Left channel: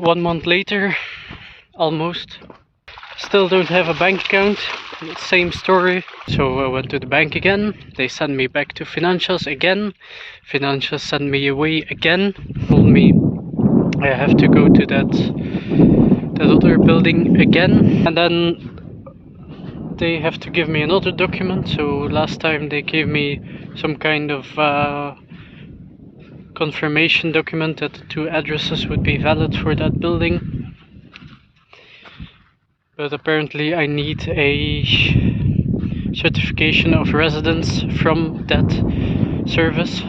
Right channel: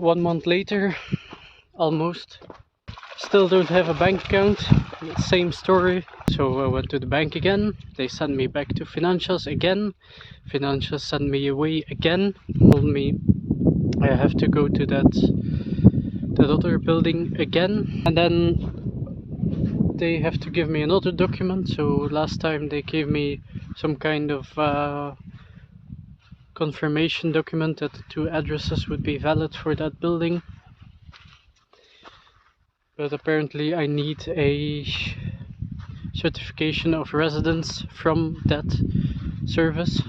1 month later, almost. Still don't have a bank account, same story. So I went to the bank again, they sent me back to Financas again. Financas sent me away again, told me I have to go to that other building again, and then they have to give me another document. So last time they gave me some kind of confirmation document that the 2 addresses would be valid for that building. But apparently I need a certification of residence from that service.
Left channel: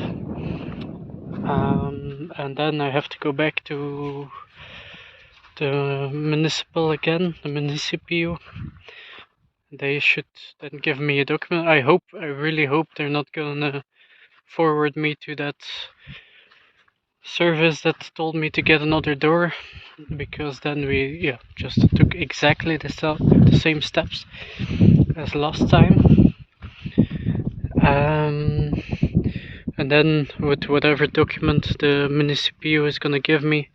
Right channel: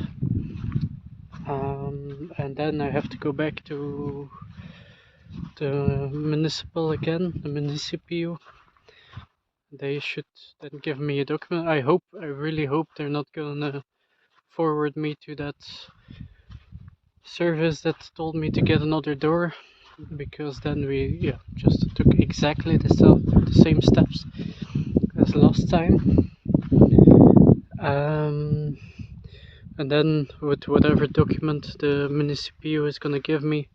And then I have to go back to the municipal again, the Municipio. They should then give me a document. I really hope they're not gonna forward me to that service that told me to get another door, because then we just took exactly the same steps as last time. And then with whatever document the Municipio is gonna give me,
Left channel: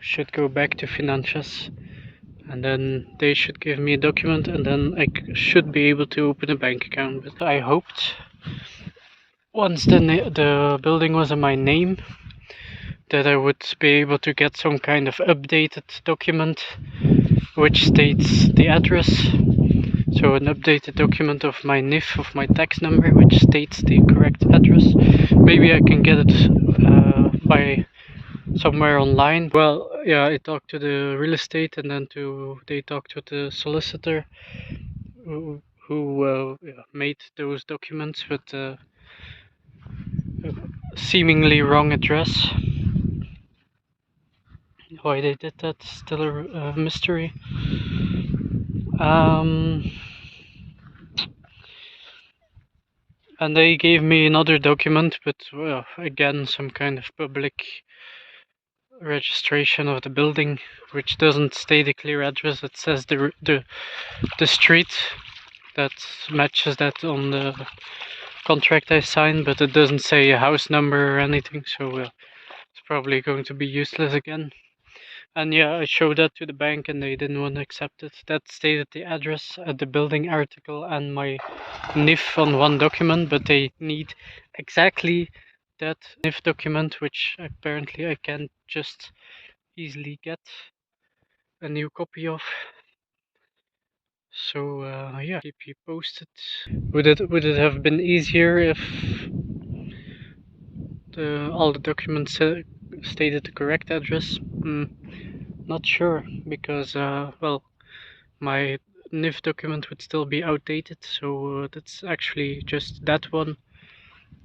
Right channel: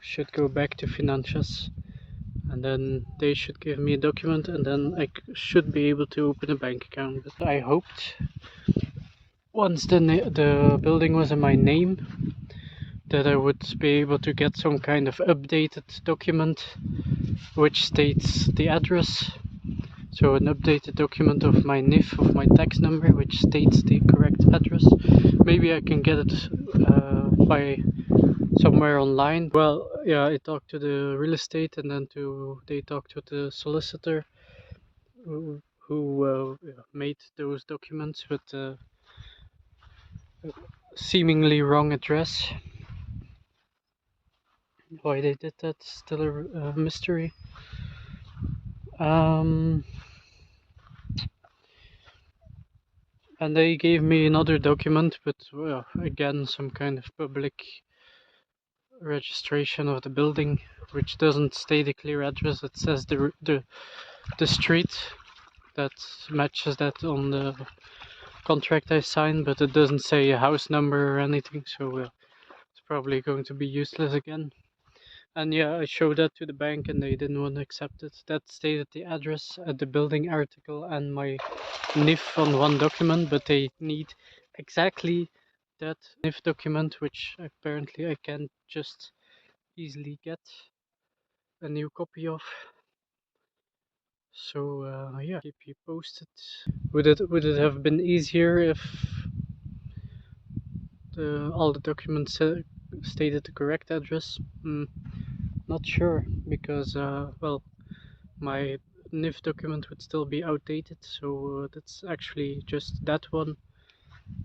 should go back to Financas, and then they should give me a document, and then I should be able to open a bank account. But I hoped once the building was in my name that I would be able to get some kind of updated document which states the address. So an updated document of my NIF, of my tax number, which states the correct address. Maybe I can get it by somewhere online. Well, yeah, I talked to the real estate, and then they talked to the solicitor who made those documents with seemingly wrong address. Why they did that is still a mystery. And they gave me another document, but again, some kind of public registration of the building, which doesn't state a clear address. It says the street that matches that on the contract I signed, but it doesn't say a house number or anything, so it's probably going to be useless again. And yeah, I showed that to the bank and they didn't want to accept it. That stated the address at the building article and my NIF on one document, but they need exactly that NIF document, which apparently I can't just easily get a new copy of. So yeah, keep you posted. Would it have been easier if all the documents stated the correct address? Not sure, because well, my NIF document would still be outdated, so that's actually just that one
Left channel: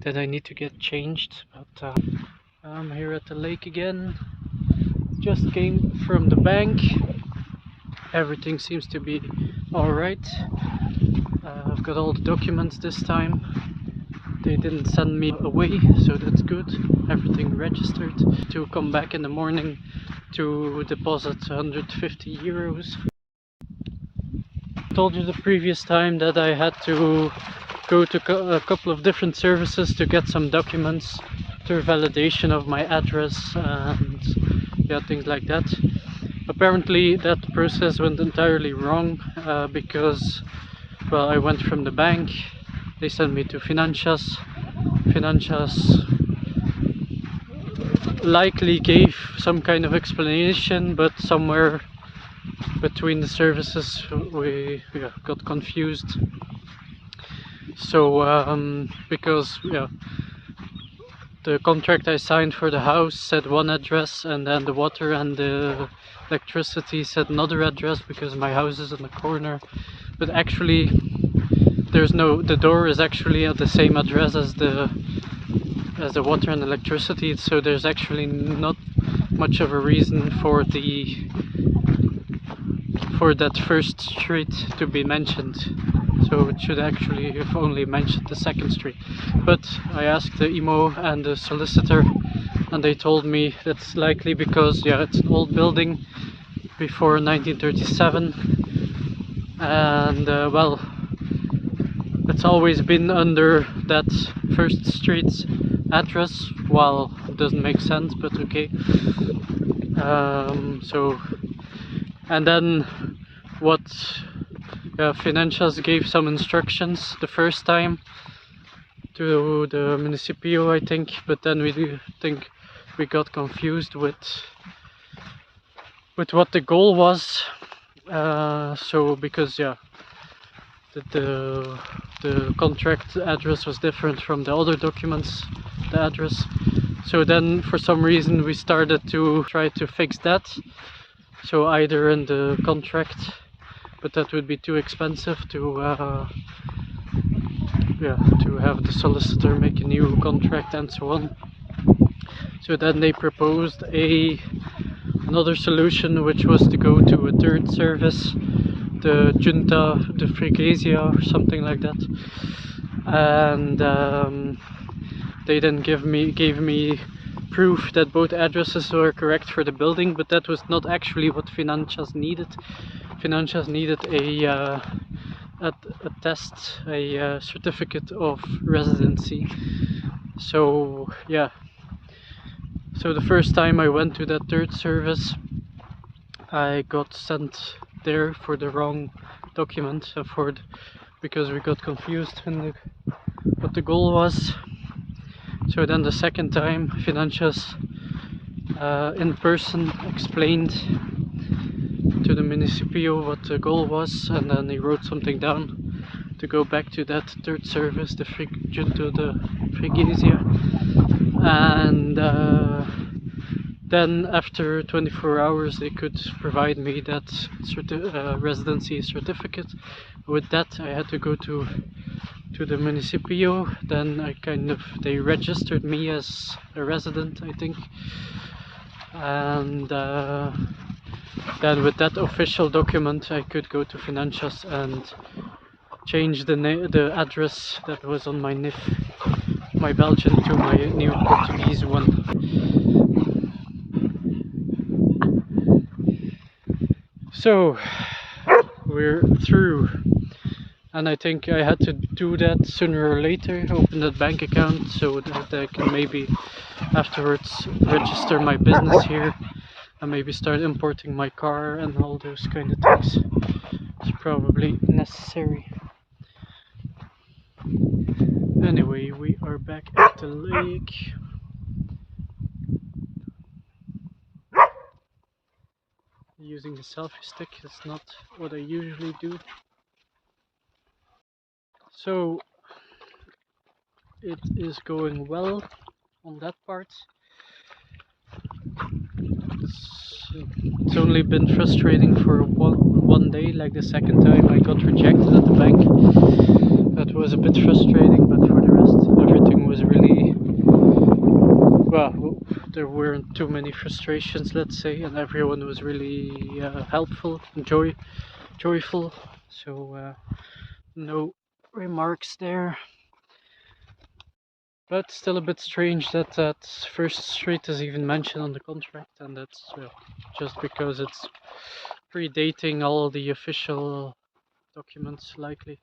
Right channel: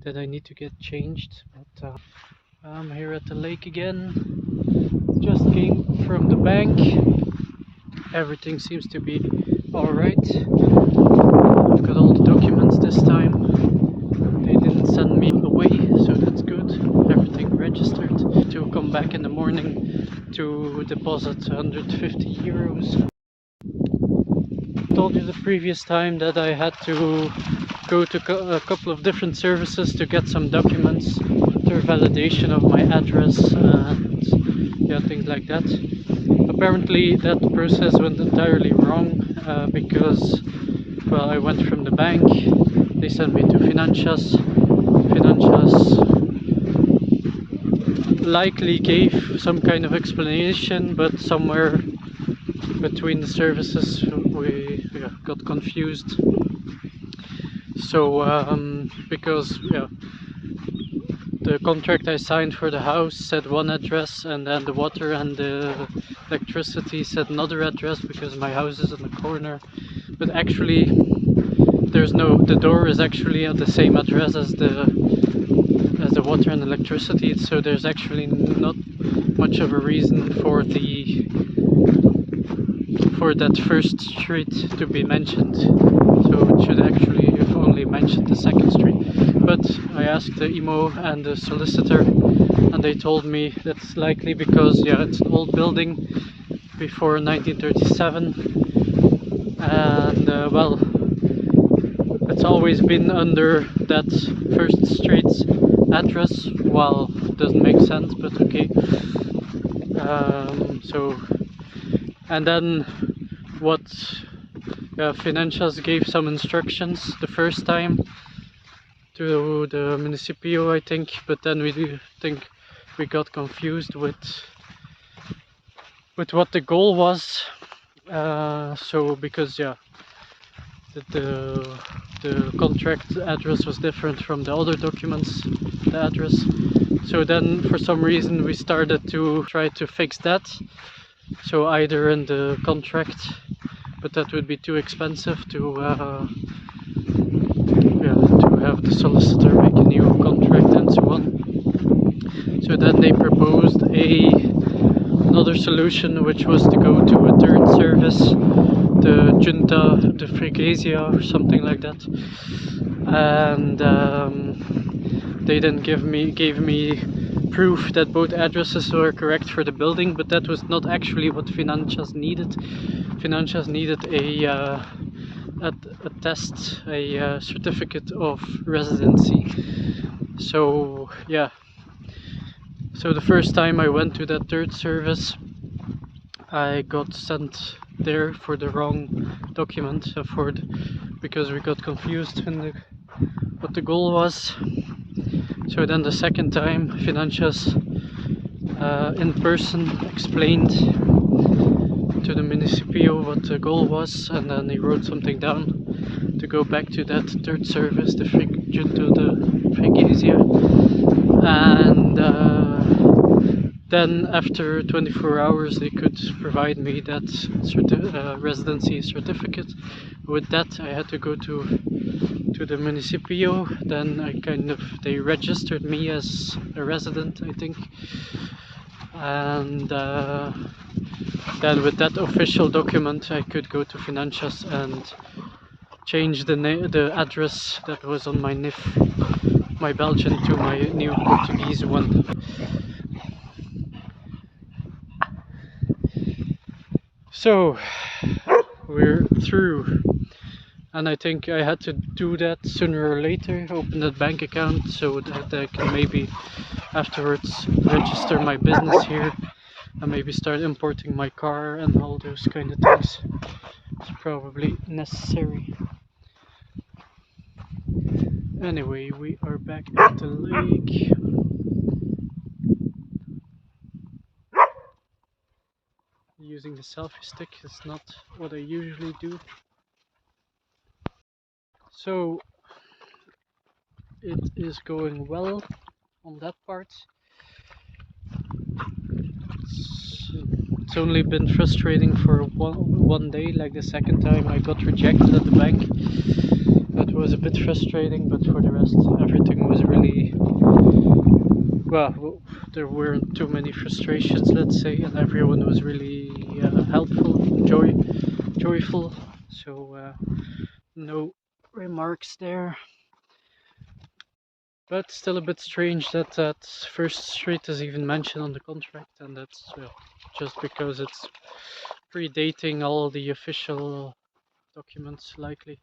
that I need to get changed. But I'm here at the lake again. Just came from the bank. Everything seems to be alright. I've got all the documents this time. They didn't send me away, so that's good. Everything registered. To come back in the morning to deposit 150 euros. I told you the previous time that I had to go to a couple of different services to get some documents for validation of my address and yeah, things like that. Apparently that process went entirely wrong because, well, I went from the bank, they sent me to Financas. Financas likely gave some kind of explanation, but somewhere between the services we got confused. So because the contract I signed for the house said one address, and then the water and the electricity said another address because my house is in the corner. But actually the door is actually at the same address as the water and electricity, so there's actually not much of a reason for that first street to be mentioned. So it should actually have only mentioned the second street. But I asked the IMO and the solicitor, and they told me that's likely because it's an old building before 1937, and well, it's always been under that first street's address. Well, it doesn't make sense, but okay. So, and then what Financas gave some instructions the first time to the Municipio, I think, but then we think we got confused with what the goal was. So because the contract address was different from the other documents, the address. So then for some reason we started to try to fix that. So either in the contract, but that would be too expensive to have the solicitor make a new contract and so on. So then they proposed another solution, which was to go to a third service, the Junta de Freguesia or something like that, and they then gave me proof that both addresses were correct for the building, but that was not actually what Financas needed. Financas needed a test, a certificate of residency. So yeah. So the first time I went to that third service, I got sent there for the wrong document, because we got confused in what the goal was. So then the second time, Financas in person explained to the Municipio what the goal was, and then he wrote something down to go back to that third service, the Junta de Freguesia, and then after 24 hours they could provide me that residency certificate. With that I had to go to the Municipio. Then they registered me as a resident, I think, and then with that official document I could go to Financas and change the address that was on my NIF, my Belgian, to my new Portuguese one. So we're through, and I think I had to do that sooner or later, open that bank account so that I can maybe afterwards register my business here and maybe start importing my car and all those kind of things. It's probably necessary. Anyway, we are back at the lake. Using the selfie stick, it's not what I usually do. So it is going well on that part. It's only been frustrating for one day. Like the second time I got rejected at the bank, that was a bit frustrating, but for the rest everything was really, well, there weren't too many frustrations, let's say, and everyone was really helpful, joyful, so no remarks there. But still a bit strange that that first street is even mentioned on the contract, and that's, well, just because it's predating all the official documents, likely.